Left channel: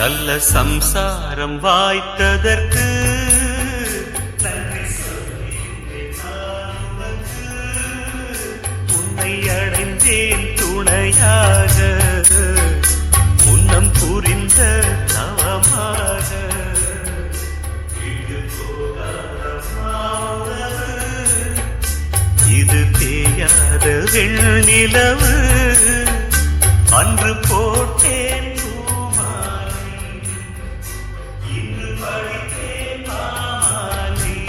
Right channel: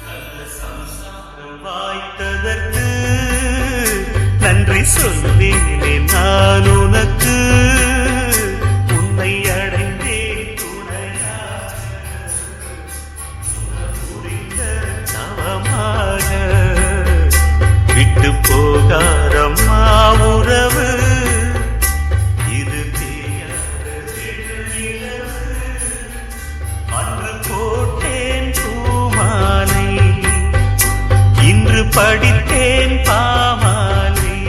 நல்ல சம்சாரம் வாய்த்ததற்கு நன்றி சொல்வேனே நான் உனக்கு. உன்னை அடைந்தேன் துணையாக, முன்னம் புரிந்த தவமாக. விட்டு போகாதம்மா உறவு, இது தேயாத வெண்ணிலவு. அன்று போட்டேன் பூமாலை, இன்று படித்தேன் பாமாலை.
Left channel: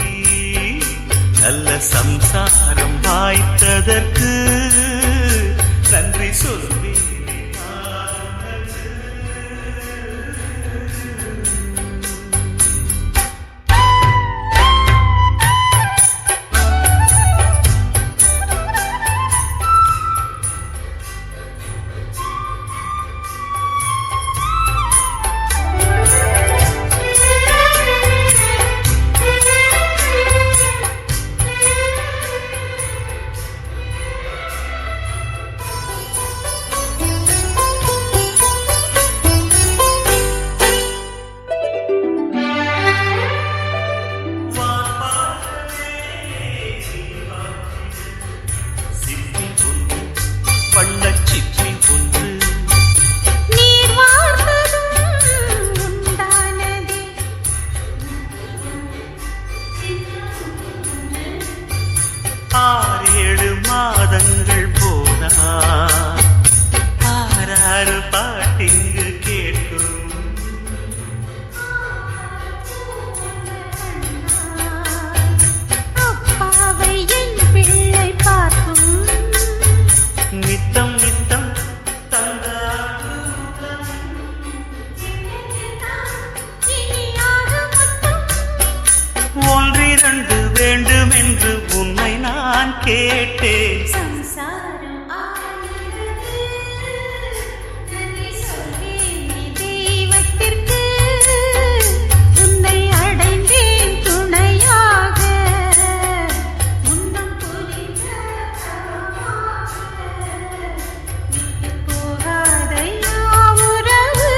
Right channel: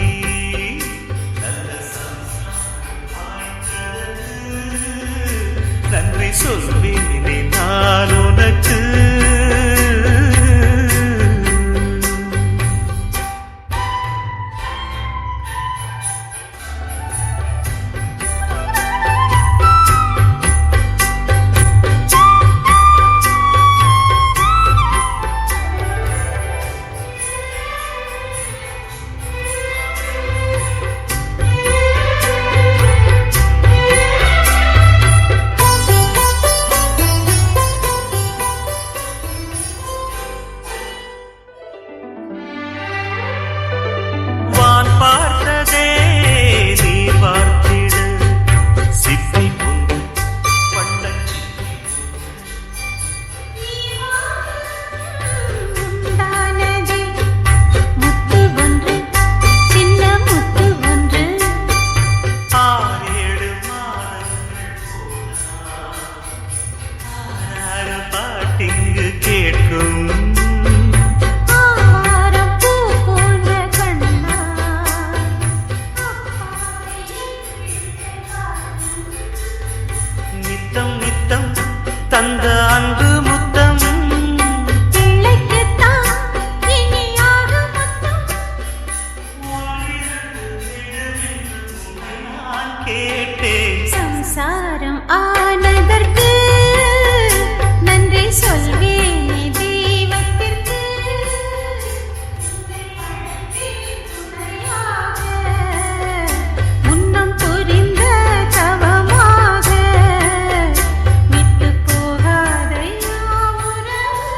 நல்ல சம்சாரம் வாய்த்ததற்கு நன்றி சொல்வேனே நான் உனக்கு. பாட்டிங்கு கேட்கும் நித்தம் நித்தம் தந்த அன்பு முத்தம். ஒன்றிரண்டு வேண்டும் என்று உன்னை நான் கேட்டேன். சம்சாரம் ஆனதற்கு நன்றி சொல்வேனே தெய்வத்திற்கு. உன்னை அடைந்தேன் துணையாக, முன்னம் புரிந்த தவமாக. விட்டு போகாத உறவு,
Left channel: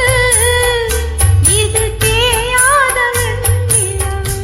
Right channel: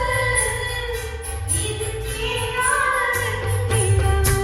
இது தேயாத வெண்ணிலவு.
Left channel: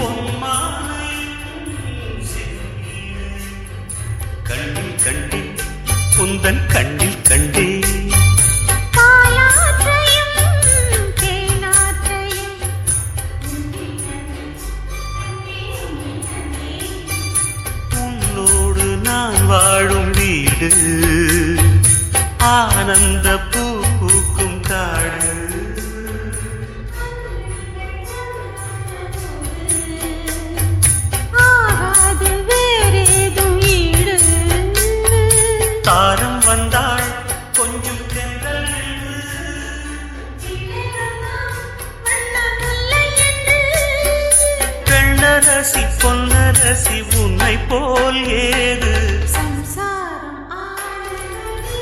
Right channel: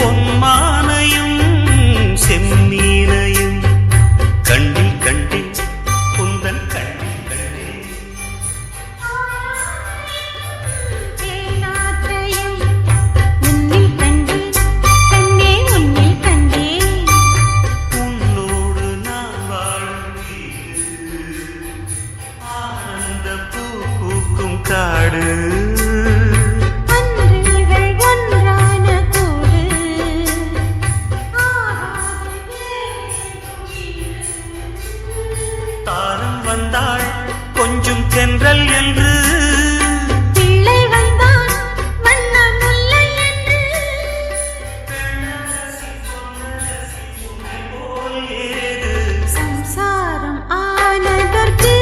பொன்மானையும் செந்நீரையும் கண்டில் கண்டில் குந்தன் கண்டில் கண்டே. உன்னோடு நான் வாழும் வீடு, ஆனந்த பூ பூக்கும் காடு. தாரம் வந்தாள் கொஞ்சம் தென்றல் என்று, பிள்ளை வந்தான் வண்ண முல்லை என்று. வெள்ளரசி பொன்னரசி உன்னை போல் ஏது. சம்சாரம் ஆனதற்கு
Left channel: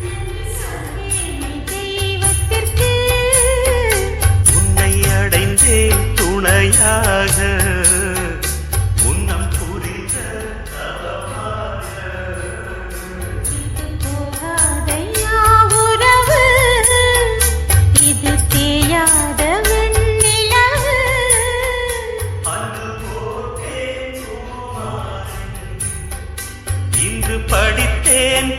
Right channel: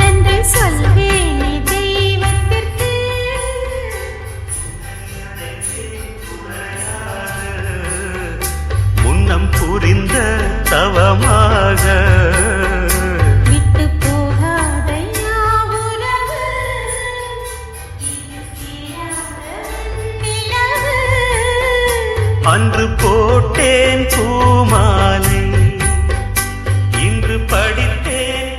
நன்றி சொல்வேனே தெய்வத்திற்கு. உன்னை அடைந்தேன் துணையாக, முன்னம் புரிந்த தவமாக. விட்டு போகாத உறவு, இது தேயாத வெண்ணிலவு. அன்று போட்டேன் பூமாலை, இன்று படித்தேன்